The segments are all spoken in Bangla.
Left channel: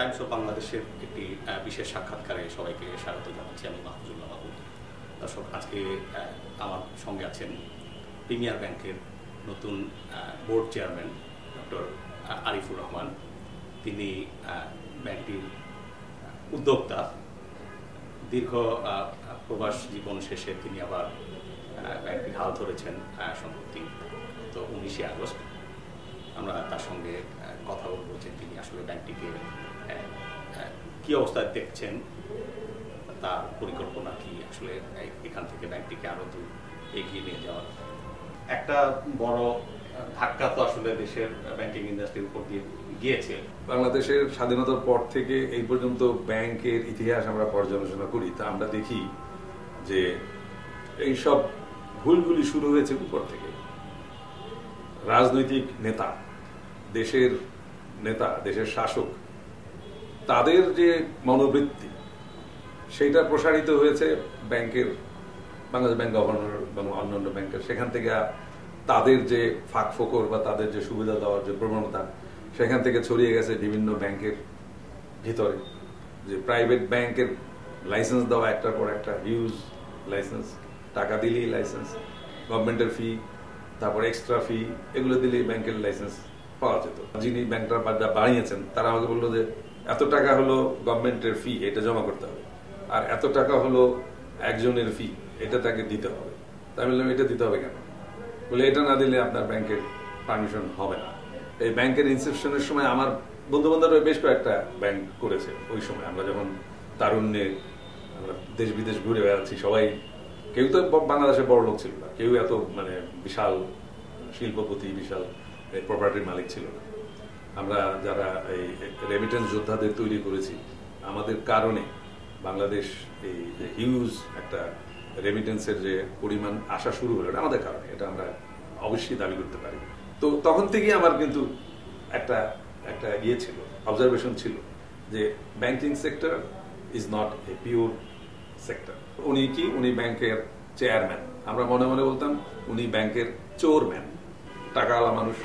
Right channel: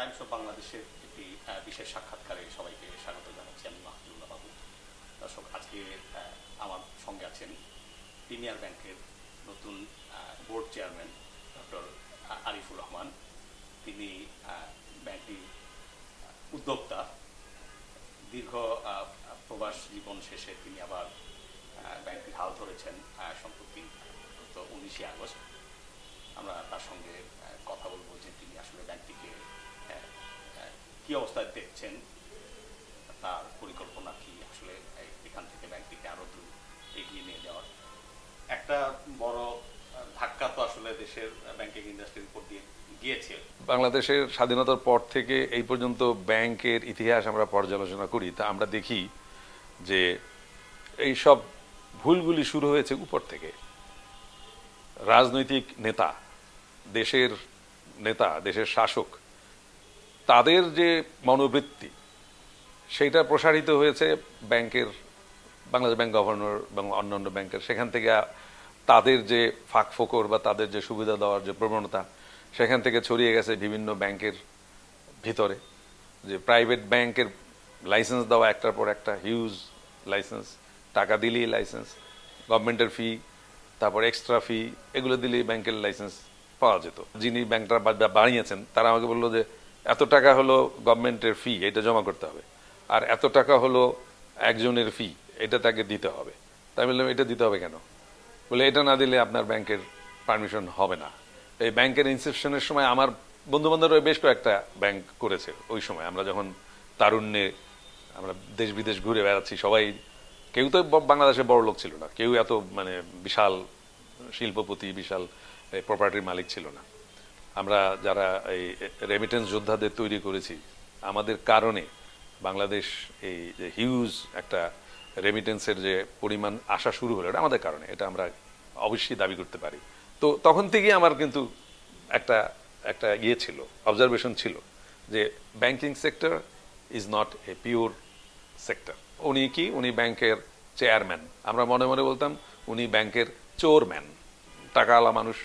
টাইমস অফ বাংলাদেশের একটি বিশেষ সাক্ষাৎকারে সবাইকে স্বাগত জানাচ্ছি। আমি মাহফুজুল্লাহ মাহমুদ। দর্শক, আজকে আমার সঙ্গে আছেন প্রিমিয়ার ব্যাংকের নতুন board chairman doctor Arifur Rahman. তিনি ব্যাংকটির উদ্যোক্তা। দীর্ঘ প্রবাস জীবন শেষে তিনি আবার ব্যাংকটির হাল ধরেছেন সম্প্রতি, তো 19 আগস্ট। আমরা তার সঙ্গে কথা বলবো যে তিনি আসলে ব্যাংকটিকে কি অবস্থায় দেখছেন, তার পরিকল্পনা কি, আসলে এখান থেকে ব্যাংকটিকে আরো দূর এগিয়ে নিয়ে যাওয়ার। একটা বড় ধাক্কা তো আসলে দেশের ব্যাংকিং ইন্ডাস্ট্রির উপর দিয়ে গিয়েছে। বাংলাদেশের স্বাধীনতার পর থেকে এই পর্যন্ত ব্যাংকের ইতিহাস আমরা পর্যালোচনা করি, তা আমরা দেখি যে এই সব ভুলগুলি শুরু হয়েছে উপর থেকে। রাজনৈতিক নেতা, দেশের নেতা, দেশের শাসক, তাদের যে মনোবৃত্তি সেইটা প্রসারিত হয়েছে ব্যাংকের, বাংলাদেশ ব্যাংক গভর্নর এবং অন্যান্য ব্যাংকের, সেখান থেকে তাদের যে ফাঁক ফোকর বা তাদের যে সুবিধা দেওয়ার যে প্রবণতা, সেখান থেকে ছড়িয়ে গেছে বিভিন্ন ব্যাংকের ভিতরে। যে প্রাইভেট ব্যাংকের লাইসেন্স দেওয়া একটার পর একটা হিউজ লাইসেন্স, টাকা দিলেই লাইসেন্স, গভর্নমেন্টের ফি, তারপর এক্সট্রা ফি, এগুলো দিলেই ব্যাংকের লাইসেন্স পাওয়া যেত। যিনি ব্যাংকটা বানিয়েছেন তারা আমাকে বললো যে এত টাকা হলো গভর্নমেন্টের ফি, এটা জমা করতে হবে, আর এত টাকা হলো একজনের ফি, এটা তাকে দিতে হবে। তাই বললাম এটা দিতে হবে কেন? বলে এটা না দিলে আপনার ব্যাংকের পারমিশন হবে না। এই ব্যাংকের ইনসেপশনের সময় আমার বন্ধু বান্ধবরা বেশ কয়েকটা ব্যাংক করেছে। ওই সময় আমরা যখন তারুণ্যে আমরা দেশ বিদেশ ঘুরে বেড়াচ্ছি, সবাই, কেউ তো বাংলাদেশে বড় লোক ছিল না, কেউ এত বিশাল শিল্পপতি, বিশাল প্রপার্টির মালিক ছিল না। আমরা যারা এই রেমিটেন্স যোদ্ধাদের তৈরি করেছি, আমাদের কারণে বাংলাদেশ এই যে হিউজ একটা রেমিটেন্সের যে পরিমাণ আসা শুরু হলো, এটা আমাদের কারণে, এটা আমরা অবশ্যই দাবি করতে পারি। তো তখন থেকেই আমার কিন্তু একটা একটা ইয়ে ছিল, অবজারভেশন ছিল যে banking sector is not a pure sector. উনি কি, উনি ব্যাংকের চেয়ারম্যান। আমরা মনে মনে বলতাম উনি ব্যাংকের চোরম্যান। টাকাওয়ালা মানুষ,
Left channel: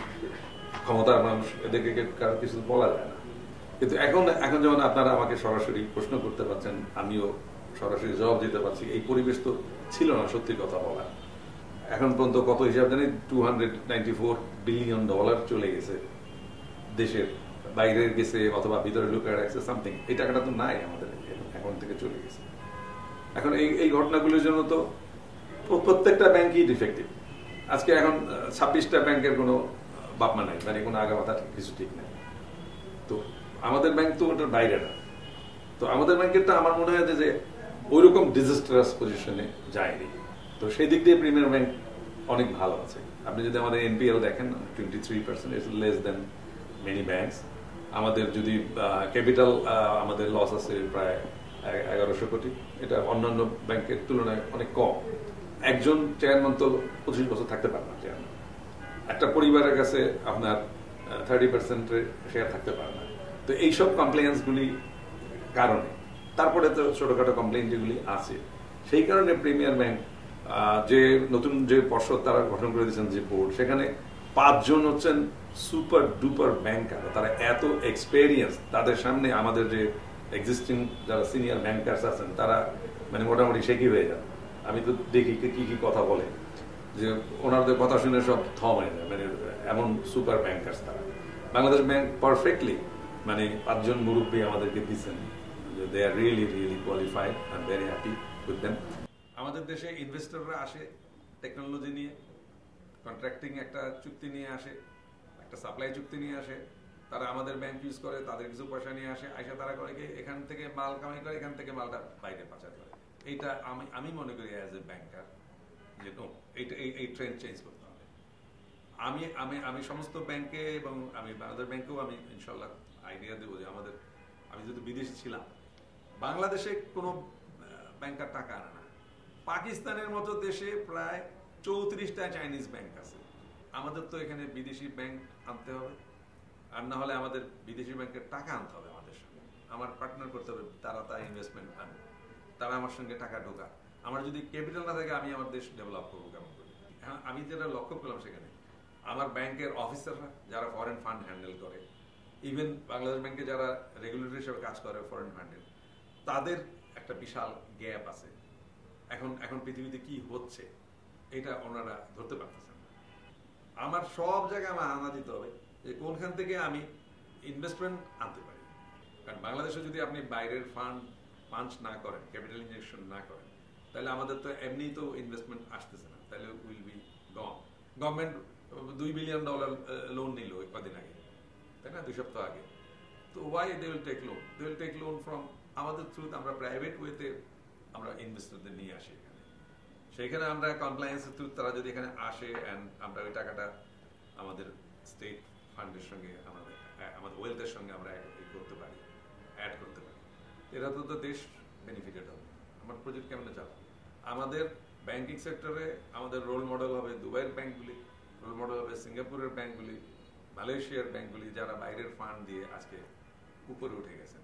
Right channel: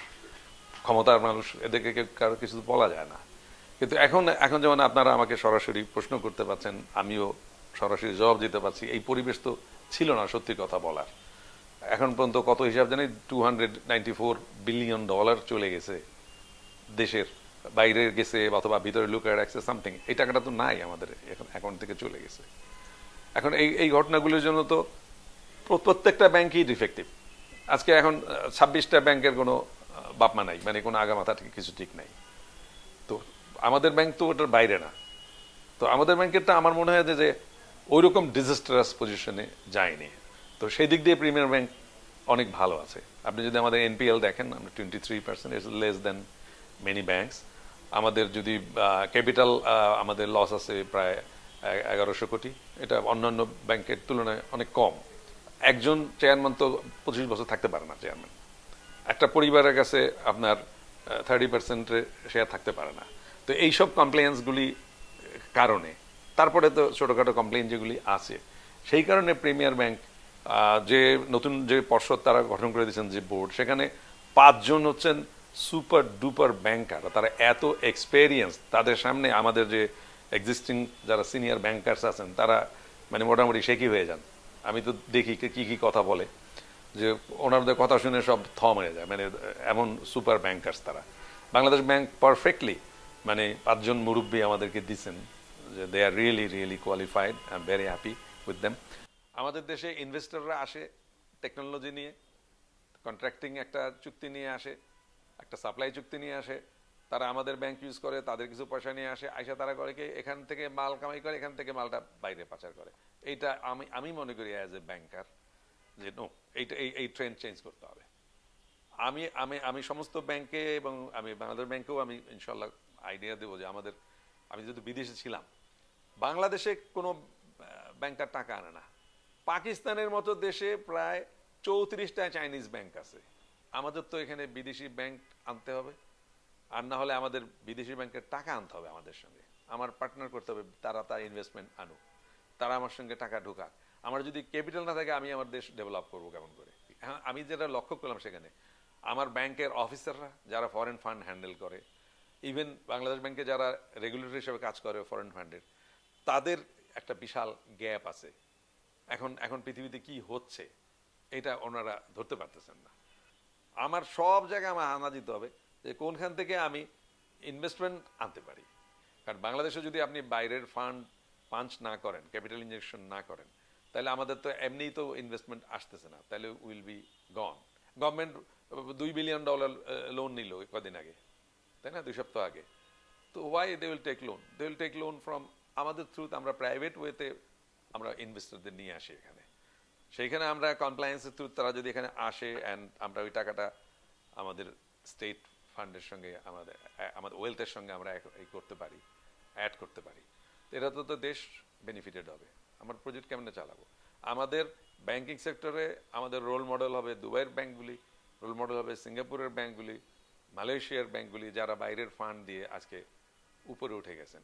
ক্ষমতার মানুষ, এদেরকে কারো কিছু বলা যায় না। কিন্তু এখন যেমন আপনারা আমাকে সরাসরি প্রশ্ন করতে পারছেন, আমিও সরাসরি জবাব দিতে পারছি। এই পরিবেশ তো ছিল না সত্যি কথা বলার। এখন পর্যন্ত কত হিসাব জানি, $294 বিলিয়ন চলে গেছে, দেশের বাইরে গেছে অথবা ভিতরে লুকিয়ে রাখছে সামথিং। এই টাকাটা তো নাই আমাদের অ্যাকাউন্ট থেকে চলে গেছে। এখন এই ঘটনাগুলির জন্য তো প্রত্যেকটা ব্যাংকই ডিফেক্টিভ। আজকে এখন 26টা ব্যাংকের কোনো বাপমা নাই, কোনো আগা মাথা কিছু ঠিক নাই। তো আমাদের ব্যাংক তো ওটার বাইরে না। তো আমাদের ব্যাংকেরটা আমার মনে হয় যে ওইরকম ডিজাস্টারাস পজিশনে যায়নি। তো সেই দিক দিয়ে প্রিমিয়ার ব্যাংক অনেক ভালো আছে। আপনি যদি আমাদের এনপিএল দেখেন, 23%, it's less than many banks. আমাদের যদি ক্যাপিটাল, আমাদের লস আছে প্রায় 1100 কোটি। এটা অন্যান্য ব্যাংকের তুলনায় অনেক কম। একজন চেয়ারম্যান তো 25 বছর থাকতে পারে না চেয়ারম্যান। একটা পরিবারের কাছে আপনার 30%-এর শেয়ার থাকতে পারে না। তো এইসব কমপ্লেন্সগুলি কারণে, তারপরে তো ছোটখাটো কমপ্লেন যেগুলি আছে, সেই কারণে প্রিমিয়ার ব্যাংক যে নতুন যে পর্ষদ তারা গঠন করে দিয়েছেন, যে বোর্ড, সেখানে 5 জন হচ্ছেন সুপার ডুপার ব্যাংকার। তারা এত এক্সপেরিয়েন্স, তাদের সামনে আমাদের যে এক্সিস্টিং যারা সিনিয়র ব্যাংকার্স আছেন তারা মোটামুটি শেখি হয়ে যান। আমি তো দেখি কি কি কথা বলে, যে ওনাদের কথা শুনে সব থম হয়ে যায়। এমন সুপার ব্যাংকার্স তারা। বাংলাদেশ ব্যাংক পারফেক্টলি 5 জন মুরব্বী আমাদেরকে দিচ্ছেন, they are really really qualified. I am very happy with them. আমাদের দেশে ইনভেস্টররা আসে টেকনোলজি নিয়ে, কন্ট্রাক্টিং একটা চুক্তি নিয়ে আসে, একটা সাপ্লাই চুক্তি নিয়ে আসে। তারা আমাদের ব্যাংক ইউজ করে, তাদের কিছু পয়সা নিয়ে আসে, আইসা তারা করে কি এখান থেকে মাল কামাই করে, এখান থেকে মালটা বাইরে পাচার করে। এইটা আমি মনে করি অ্যাজ এ ব্যাংকার যে নো, এই ট্রেন্ড চেঞ্জ করতে হবে। আমি সমস্ত ব্যাংকে এবং আমি বাংলাদেশ ব্যাংকেও আমি ইনশাল্লাহ আইডিয়া দেবো যে আমি যেহেতু বিদেশে ছিলাম, বাংলাদেশে কোনো ব্যাংকার টাকা আনে না। পাকিস্তানের মতো দেশে প্রায় 34টা চাইনিজ ব্যাংক আছে। আমাদের তো এখানে বিদেশি ব্যাংক আনতে হবে, আর না হলে আমাদের বিদেশি ব্যাংকের টাকা আনতে হবে আমাদের সঙ্গে। আমার পার্টনার করতে হবে, তারা ইনভেস্টমেন্ট আনুক, তারা আমার সঙ্গে টাকা ঢোকা। আমার যদি ক্যাপিটাল না থাকে, আমি আমার দেশ ডেভেলপ করবো কেমন করে? হ্যাঁ, আমি যেটা লক্ষ্য করলাম, সেখানে আমার ব্যাংকের অফিসাররা যারা ফরেন ফান্ড হ্যান্ডেল করে, ইভেন বাংলাদেশ ব্যাংকে যারা রেগুলেটর হিসেবে কাজ করে ফরেন ফান্ডের, তাদের একটা বিশাল গ্যাপ আছে। এখন পৃথিবীতে কি হচ্ছে এটা ওনারা ধরতে পারতেছেন না। আমার সব জায়গায় আমার আনা দিতে হবে যে কোনখান থেকে আমি ইনভেস্টমেন্ট আনতে পারি। কারণ বাংলাদেশে যদি আপনি বাইরের ফান্ড পাঞ্চ না করেন, ক্যাপিটাল ইনজেকশন না করেন, তাহলে আমাদের তো এমনিই তো ইনভেস্টমেন্ট আসতেছে না, তাহলে will be gone. Government $2 billion loan নিল কদিন আগে, তাই না, 2 সপ্তাহ আগে। তো why they will take loan? They will take loan from আমাদের থ্রুতে, আমরা প্রাইভেট ওয়েতে আমরা ইনভেস্টরদের নিয়ে আসি এখানে। সেইখানে আমরা কমপ্লায়েন্সের থ্রু তারা যদি এখানে আসে অ্যান্ড আমরা ওই টাকাটা আমাদের স্টেট ফান্ডের সঙ্গে আমাদের ওয়েলথের সঙ্গে আমরা করতে পারি, অ্যাড করতে পারি, এটা তো দেশ বেনিফিটেড হবে। আমার প্রজেক্ট কেমনে চালাবো? আমাদের ব্যাংকিং সেক্টরে আমাদের রোল মডেল হবে দুবাইয়ের ব্যাংকগুলি, রোল মডেল হবে সিঙ্গাপুরের ব্যাংকগুলি, মালয়েশিয়ার ব্যাংকগুলি, যারা বাইরের ফান্ড দিয়ে আজকে উপরে উঠে গেছেন।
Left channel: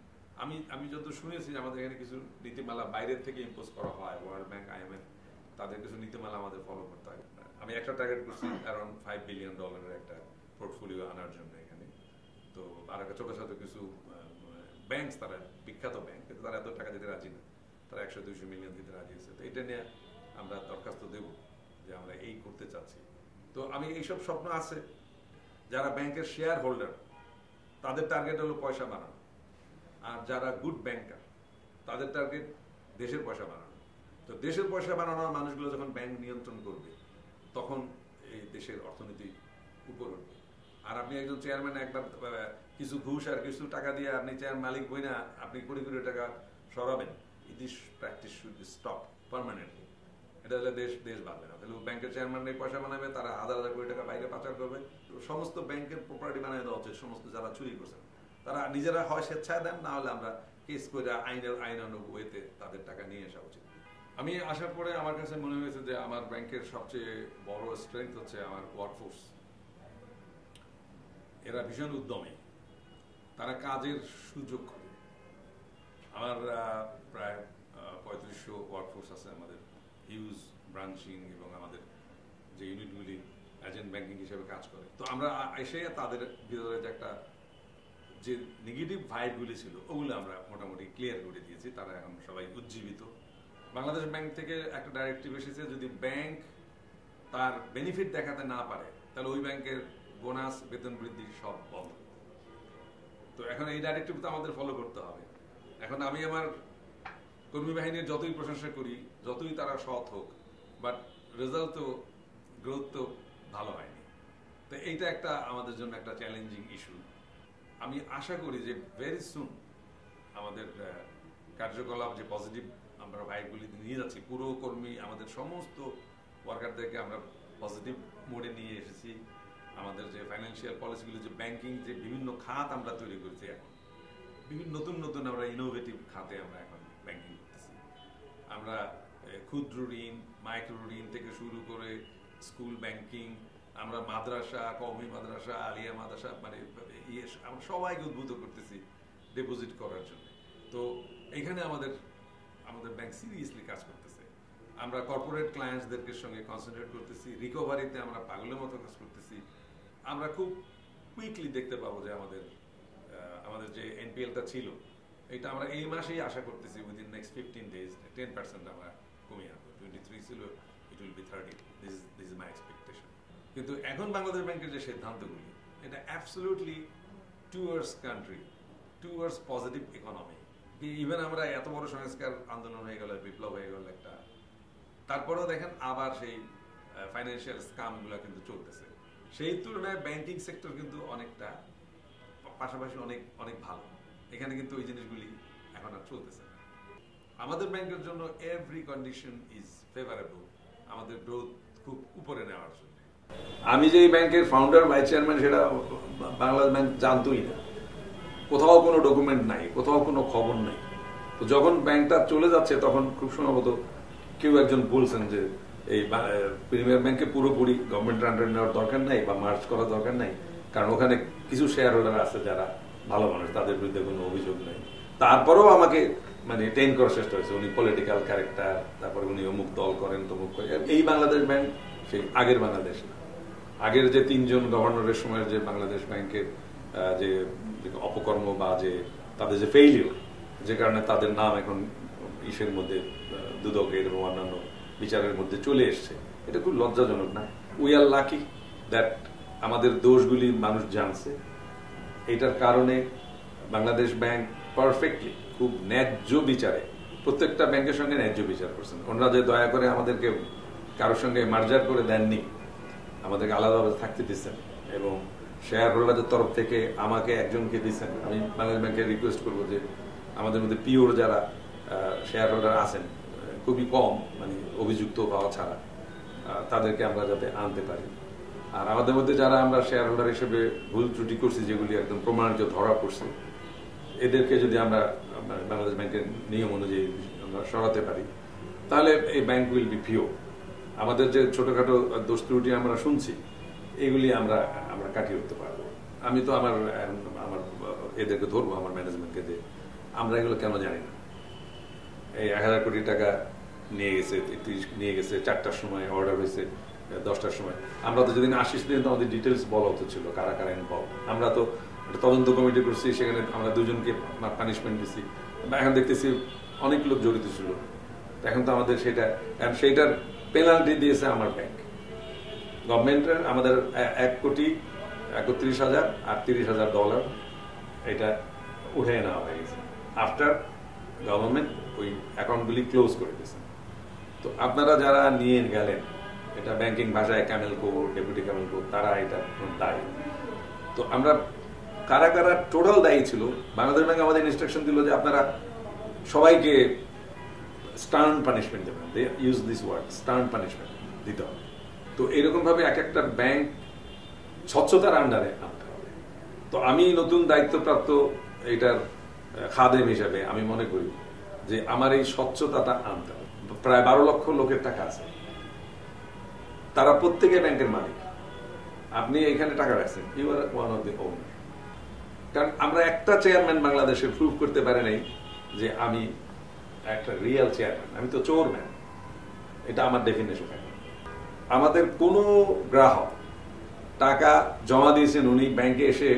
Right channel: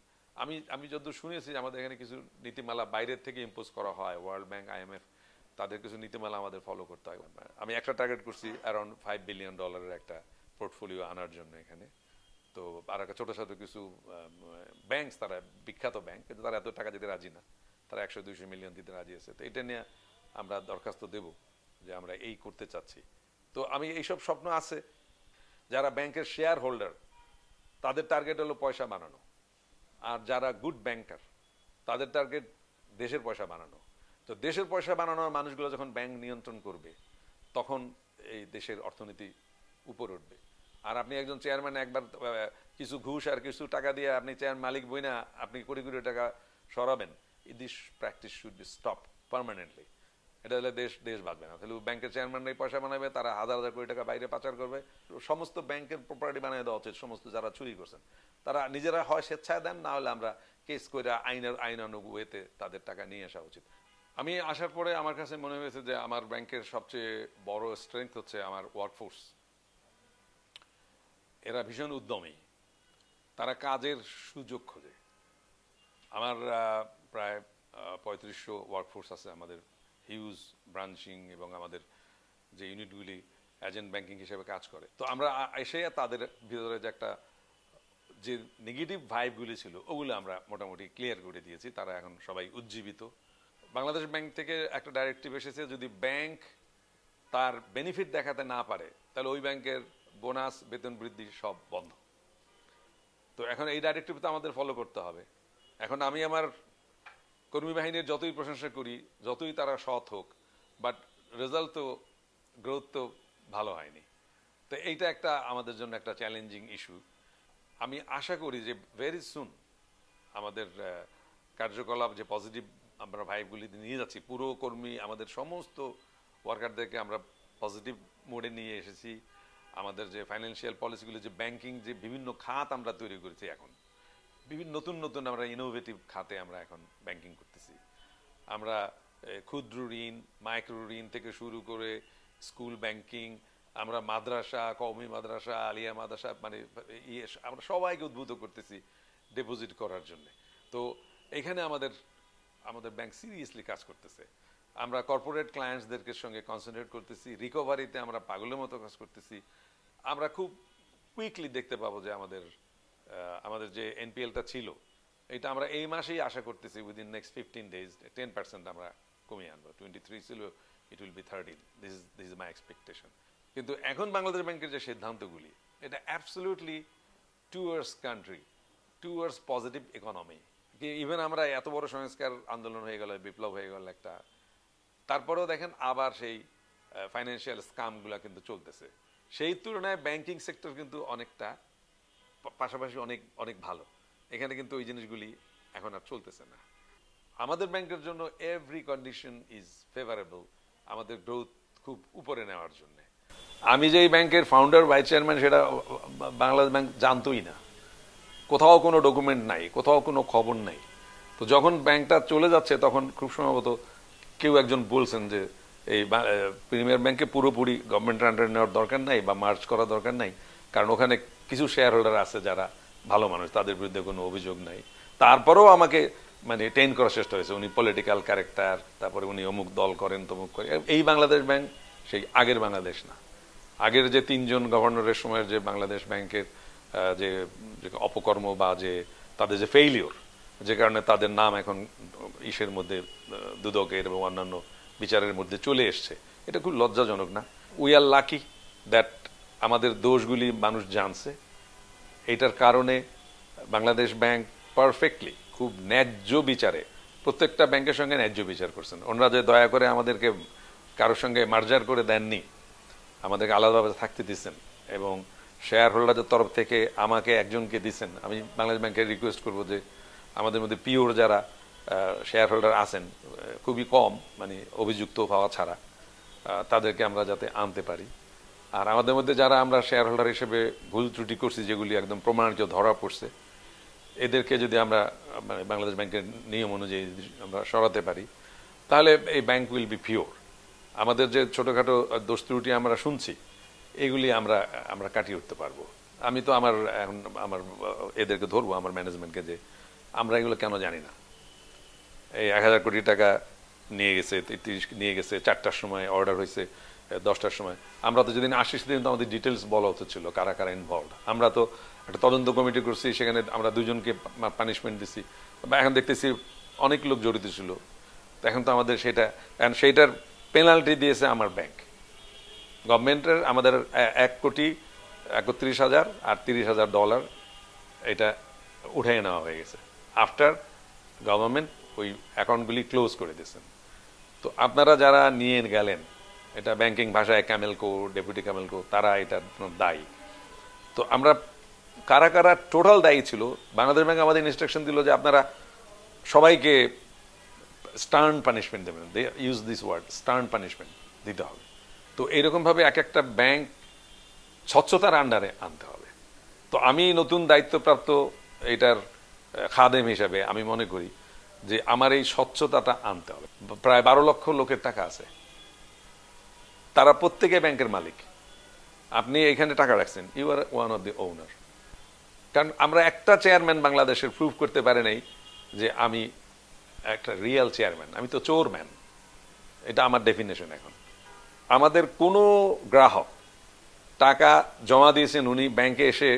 আমি যত শুনেছি আমাদের এখানে কিছু নীতিমালা বাইরের থেকে ইম্পোজ করা হয়, ওয়ার্ল্ড ব্যাংক, IMF, তাদের কিছু নীতিমালা আমাদের ফলো করতে হয়। আমি একটা টার্গেট করছি অ্যারাউন্ড $5 বিলিয়ন একটা পোর্টফোলিও আনার জন্য এখানে। তো আর একটা ছোট ছোট কিছু ব্যাংক, তারা বিখ্যাত ব্যাংক, কিন্তু তারা এত টাকা দিতে রাজি না, তারা 100-200 মিলিয়ন দিতে রাজি আছে। তো এটা নিয়ে আমরা দরখাস্ত দেব যে আমরা এই করতে চাচ্ছি। তো আমি এইসব স্বপ্ন আছে। যারা ব্যাংকের শেয়ার হোল্ডার, তাদের টার্গেট হলো পয়সা বানানো, আর যারা গুড ব্যাংকার তাদের টার্গেট দেশের পয়সা বানানো। তো দেশের পয়সা বানানোর মানুষগুলো যখন ব্যাংক নিয়ন্ত্রণ করবে, তখন এই দেশের অর্থনীতি উপরে উঠবে। আর আপনি একজন চেয়ারম্যান একবার কিছু ঘুষ আর কিছু টাকা দিয়ে আপনি চেয়ার মালিক বই না, আপনি কোটি কোটি টাকা সরাবেন, this practice should be stop permanently. এটা হলে দেশ বাঁচবে না। তাহলে ব্যাংকের চেয়ারম্যানরাই পয়সা বানাবে, তারা হাজার হাজার কোটি টাকা বাইরে পাচার করবে। সমস্ত ব্যাংকের প্রপার্টি বানিয়ে দেওয়া উচিত। সমস্ত যারা চুরি করছেন তারা নিজেরা হয় স্বেচ্ছায় দেন, না হলে আমরা কেস করে আইনানুগ ওয়েতে তাদের টাকা নিয়ে আসা উচিত। আমি আসার পরে আমার কাছে মনে হয়েছে যে আমার ব্যাংকের সবচেয়ে বড় স্ট্রেংথ হচ্ছে আমার ওয়ার্কফোর্স। এরা ভীষণ উদ্যমী, তারা কাজের সুযোগ খোঁজে। আমার প্রায় 3500 ওয়ার্কফোর্স আছে আমাদের, হিউজ ব্রাঞ্চিং এবং আমাদের যে ইউনিটগুলি এজেন্ট ব্যাংকিং হিসেবে কাজ করে। তো আমরা এসে তাদের ভিতরে যে একটা যে নেগেটিভ ভাইবগুলি ছিল ওগুলো আমরা মোটামুটি ক্লিয়ার করে দিয়েছি। তারা এখন সবাই উজ্জীবিত। বাংলাদেশ ব্যাংক থেকে একটা ডাইরেক্টিভ এসেছে, যদি ব্যাংক তার বেনিফিট দেখাতে না পারে তাহলে ওই ব্যাংকের বোনাস, বেতন বৃদ্ধি সব বন্ধ। তো এখন এই ডাইরেক্টিভ তো আমাদের ফলো করতে হবে। এখন আমি আমার কর্মী বাহিনীর যতই প্রশংসা করি, যতই তারা সৎ হোক, বাট রেজাল্ট তো, গ্রোথ তো ভালো হয়নি। তো এইটা একটা আমাদের জন্য একটা চ্যালেঞ্জিং ইস্যু। আমি আশা করি যে ভেরি সুন আমাদের কার্যকলাপ যে পজিটিভ আমরা ভাইবগুলি নিয়ে যাচ্ছি, পুরো কর্মী আমাদের সমস্ত ওয়ার্কারদেরকে আমরা পজিটিভ মোডে নিয়ে এসেছি। আমাদের যে ফাইন্যান্সিয়াল পলিসিগুলি, যে ব্যাংকিং, যে বিভিন্ন খাত আমরা তৈরি করেছি, এখন বিভিন্ন নতুন আমরা ইনোভেটিভ খাতে আমরা এখন ব্যাংকিং করতেছি। আমরা ক্ষুদ্র ঋণ, মাইক্রো ঋণ থেকে শুরু করে স্কুল ব্যাংকিং, আমরা মাদ্রাসা, কওমি মাদ্রাসা, আলিয়া মাদ্রাসা, মানে আমরা সবাইকে উদ্বুদ্ধ করতেছি ডিপোজিট করার জন্য। তো এখানে আমাদের ব্যাংক সিরিয়াসলি কাজ করতেছে। আমরা কর্পোরেট ক্লায়েন্টসদেরকে সঙ্গে কনসেন্ট্রেট করতেছি, রিকভারিতে আমরা পাগলের মতো কাজ করতেছি। আমরা খুব কুইকলি দেখতে পাবো যে আমাদের যে এনপিএলটা ছিল, এটা আমরা এই মাসেই আশা করতেছি উইদিন নেক্সট 15 days 10% আমরা কমিয়ে আনবো। 23 ছিল, it will be 30। This is my expectation. কিন্তু এখন বাংলাদেশ ব্যাংকের যে সিদ্ধান্তগুলি, এটা absolutely towards country, towards positive economy. Even আমরা এত বড় সংস্কার আন্দোলন হয়ে গেল, বিপ্লব হয়ে গেল একটা, তারপরেও দেখেন আবার সেই ফাইন্যান্সিয়াল স্কামগুলো কিন্তু চলতেছে। সেই তুলনায় ব্যাংকিং সেক্টর কিন্তু অনেকটা পাশাপাশি অনেক ভালো। এখানে কিন্তু ওই জিনিসগুলি এখন আর চলতেছে না। আমাদের ব্যাংকের জন্য এভরি কন্ডিশন ইজ ফেভারেবল আমাদের গ্রোথ খুব উপরে নেওয়ার জন্য। আমি যে ব্যাংকের ফাউন্ডার, ভাইস চেয়ারম্যান, সেটা বাংলাদেশ ব্যাংক জানতোই না। কোথাও কোনো ডকুমেন্ট নাই, কোথাও কোনো খবর নাই। তো যখন ব্যাংকটা চলে যাচ্ছে, তখন খুব সম্ভবত কেউ একজন বলছেন যে এই প্রিমিয়ার ব্যাংকে পুরোপুরি গভর্নমেন্টের আন্ডারে নেওয়ার দরকার নাই বা মার্জ করার দরকার নাই, কারণ ওখানে কিছু শেয়ার হোল্ডার আছে যারা ভালো মানুষ, তাদের বিরুদ্ধে কোনো অভিযোগ নাই। তারপরেও আমাকে মানে টেন করার চেষ্টা হয়েছে, উনি পলিটিক্যাল ক্যারেক্টার, তারপরে উনি অমুক দল করেন, তমুক করেন। এই বাংলাদেশ ব্যাংক সেই আগের বাংলাদেশ না। আগের যে 3জন গভর্নরের সময় যে বাংলাদেশ ব্যাংকের যে অপকর্ম বা যে তাদের যে ফেইলিউর, যে কারণে তাদের নাম এখন ইসের মধ্যে দুদকের এবং অন্যান্য বিচারের মধ্যে চলে এসছে, এটা খুব লজ্জাজনক না? উই আর লাকি দ্যাট আমাদের দোষগুলি মানুষ জানছে। এটার কারণে বাংলাদেশ ব্যাংক পারফেক্টলি খুব ন্যায্য বিচারে প্রত্যেকটা ব্যাংকের সঙ্গে ন্যায্য বিচার করছেন। ওনারা যে দয়া করে আমাদেরকে কারোর সঙ্গে মার্জার করে দেননি, আমাদেরকে আলাদাভাবে থাকতে দিচ্ছেন, এবং শেয়ার হোল্ডারদের তরফ থেকে আমাকে একজনকে দিচ্ছেন। আমি বাংলাদেশ ব্যাংকের রিকোয়েস্ট করবো যে আমাদের মধ্যে পিওর যারা শেয়ার হোল্ডার আছেন, খুবই কম, মানে অভিযুক্ত পাওয়া ছাড়া, তাদেরকে আমরা যাতে আনতে পারি। আর আমাদের মধ্যে যারা আমরা শেয়ার হোল্ডার হিসেবে ভুল ত্রুটি করছি, যেগুলি একদম প্রমাণিত ধরা পড়ছে, এদেরকে যদি আমরা বাংলাদেশ ব্যাংকের নিয়ম অনুযায়ী আমরা সরাতে পারি, তাহলে এই ব্যাংক উইল বি পিওর। আমাদের যে ছোটোখাটো দোষ ত্রুটি আমরা শুনছি, এগুলি আমরা কাটিয়ে উঠতে পারবো। আমি তো আমার এদেরকে ধরবো, আমার ম্যানেজমেন্টকে, যে আমরা এগুলো কেন জানি না। এই 1000 কোটি টাকা নিয়ে গেছে, 33 নিয়ে গেছে, 4টার সময় অর্ডার হয়েছে, 10টার সময়। আমরা তো যেদিন আসিস সেদিন তো আমাদের ডিটেলস বলা উচিত ছিল, কারা কারা ইনভলভ। আমরা তো একটা তদন্ত কমিটি করছি, সেখানে আমরা 2জনকে পানিশমেন্ট দিচ্ছি, এখন দেখতেছি অনেক লোক জড়িত ছিল। এখন তো আমাদের সেইটার পেনাল্টি দিয়েছে আমার ব্যাংক। গভর্নমেন্টের আমাদের $1,31,000 আর $30,000 এটা উঠে নেওয়া হয়ে গেছে আফটার গভর্নমেন্ট ওই অ্যাকাউন্টগুলি ক্লোজ করে দিয়েছে। তো আপনারা যারা নিয়ে গেলেন, এটা ব্যাংকিং ভাষায় ক্যামেলকো, ডেপুটি ক্যামেলকো, তারা এটা দায়ী। তো আমরা কারা কারা টোটাল দায়ী ছিল, বাংলাদেশ ব্যাংক আমাদের ইনস্ট্রাকশন দিল যে আপনারা সবাইকে স্টার্ন পানিশমেন্ট দেবেন। They use this word, stern punishment দিতে হবে। তো এইরকমভাবে এক একটা ব্যাংক স্বচ্ছতার আন্ডারে আনতে হবে। তো আমি নতুন দায়িত্বপ্রাপ্ত এটার খাদেম হিসাবে আমি মনে করি যে আমার এই স্বচ্ছতাটা আনতে হবে। প্রায় 12 লক্ষ লোকের টাকা আছে, তারা প্রত্যেকে ব্যাংকের মালিক। আপনি এখানে টাকা রাখছেন, you are one of the owner. কারণ আমরা একটা চেয়ারম্যান বাংলাদেশে প্রুভ করতে পারে নাই যে আমি একটা রিয়েল চেয়ারম্যান, আমি তো চোরম্যান। এটা আমার ডেফিনেশন। এখন আমাদের কোনো গ্রাহক টাকা জমা দিয়েছেন, উনি ব্যাংকে এসে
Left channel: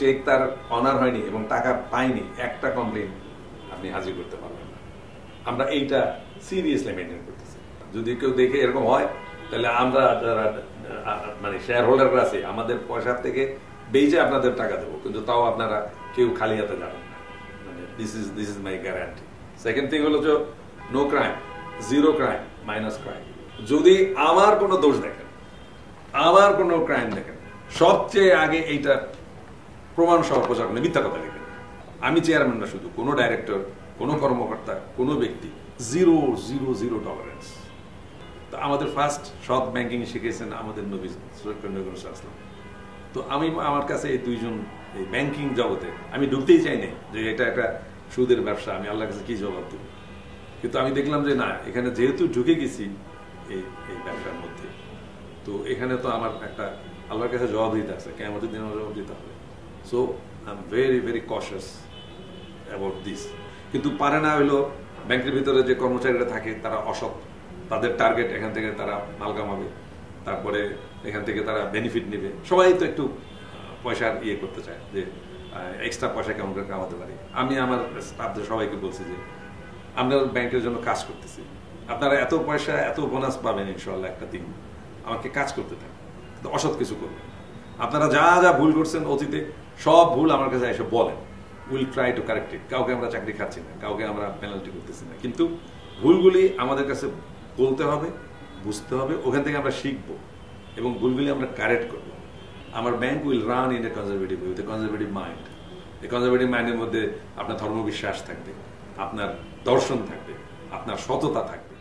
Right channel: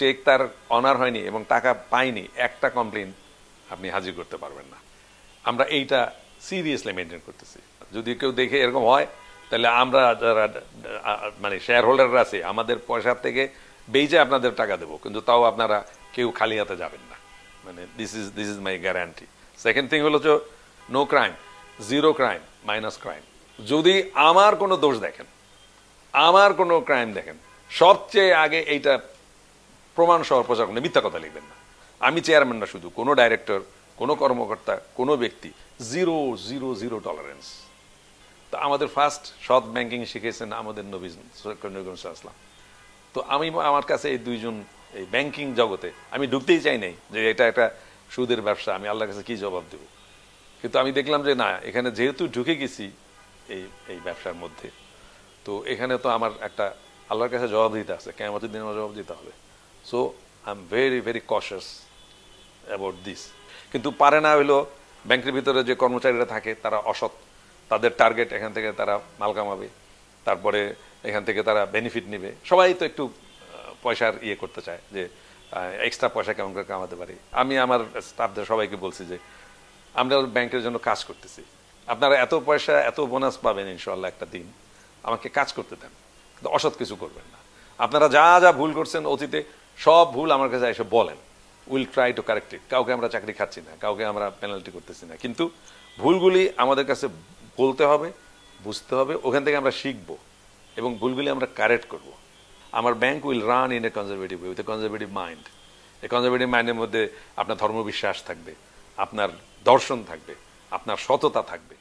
চেক তার অনার হয়নি এবং টাকা পাইনি, একটা কমপ্লেন আপনি হাজির করতে পারবেন না। আমরা এইটা সিরিয়াসলি মেনটেন করতেছি। যদি কেউ দেখে এরকম হয়, তাহলে আমরা যারা মানে শেয়ার হোল্ডাররা আছে, আমাদের পয়সার থেকে বেজে আপনাদের টাকা দেবো, কিন্তু তাও আপনারা কেউ খালি হাতে যাবেন না। মানে this is my guarantee. Second thing হলো যে no crime, zero crime, minus crime. যদি আমার কোনো দোষ দেখেন, আমার কোনো ক্রাইম দেখেন, সবচেয়ে আগে এইটা প্রমাণ সহ প্রচার করলে মিথ্যা কথা লিখবেন। আমি চেয়ারম্যান না, শুধু কোনো ডাইরেক্টর, কোনো কর্মকর্তা, কোনো ব্যক্তি, 0 টলারেন্স। তা আমাদের ফার্স্ট সৎ ব্যাংকিং শিখেছেন আমাদের নবী সাল্লাল্লাহু আলাইহি ওয়াসাল্লাম। তো আমি আমার কাছে এই 2জন এই ব্যাংকিং জগতে আমি ঢুকতেই চাই নাই যে এটা একটা সুদের ব্যবসা, আমি আল্লাহর কাছে কি জবাব দেব। কিন্তু আমি দেখলাম যে না, এখানে যেহেতু ঢুকে গেছি এই ব্যবসার মধ্যে, তো এখানে তো আমার একটা আল্লাহর কাছে জবাব দিতে আছে, কিয়ামতের দিনে জবাব দিতে হবে। So I am very very কশাস about this. কিন্তু পারে না হইলো ব্যাংকের ভিতরে যে কর্মচারীরা থাকে তারা অসৎ, তাদের টার্গেট এখান থেকে তারা মাল কামাবে, তারপরে এখান থেকে তারা বেনিফিট নেবে। সবাই তো একটু পয়সার করতে চায় যে এক্সট্রা পয়সা কেমন করে কামাতে পারি। আমি আমার স্টাফদের সবাইকে বলছি যে আমরা ব্যাংকের জন্য কাজ করতেছি, আপনারা এত পয়সা এত বোনাস পাবেন ইনশাল্লাহ একটা দিন, আমাকে কাজ করতে দেন, কিন্তু অসৎ কিছু করবেন না। আপনারা যা যা ভুল করছেন অতীতে, সব ভুল আমার কাছে এসে বলেন, will try to correct it. কাউকে আমরা চাকরি খাচ্ছি না, কাউকে আমরা পেনাল্টি করতেছি না, কিন্তু ভুলগুলি আমাদের কাছে বলতে হবে, বুঝতে হবে, ওখান থেকে আমরা শিখবো এবং ভুলগুলি আমরা কারেক্ট করব। আমার bank will run in a conservative with a conservative mind. এই কনজারভেটিভ মাইন্ডের মধ্যে আপনার ধর্মবিশ্বাস থাকবে, আপনার দর্শন থাকবে, আপনার সততা থাকবে।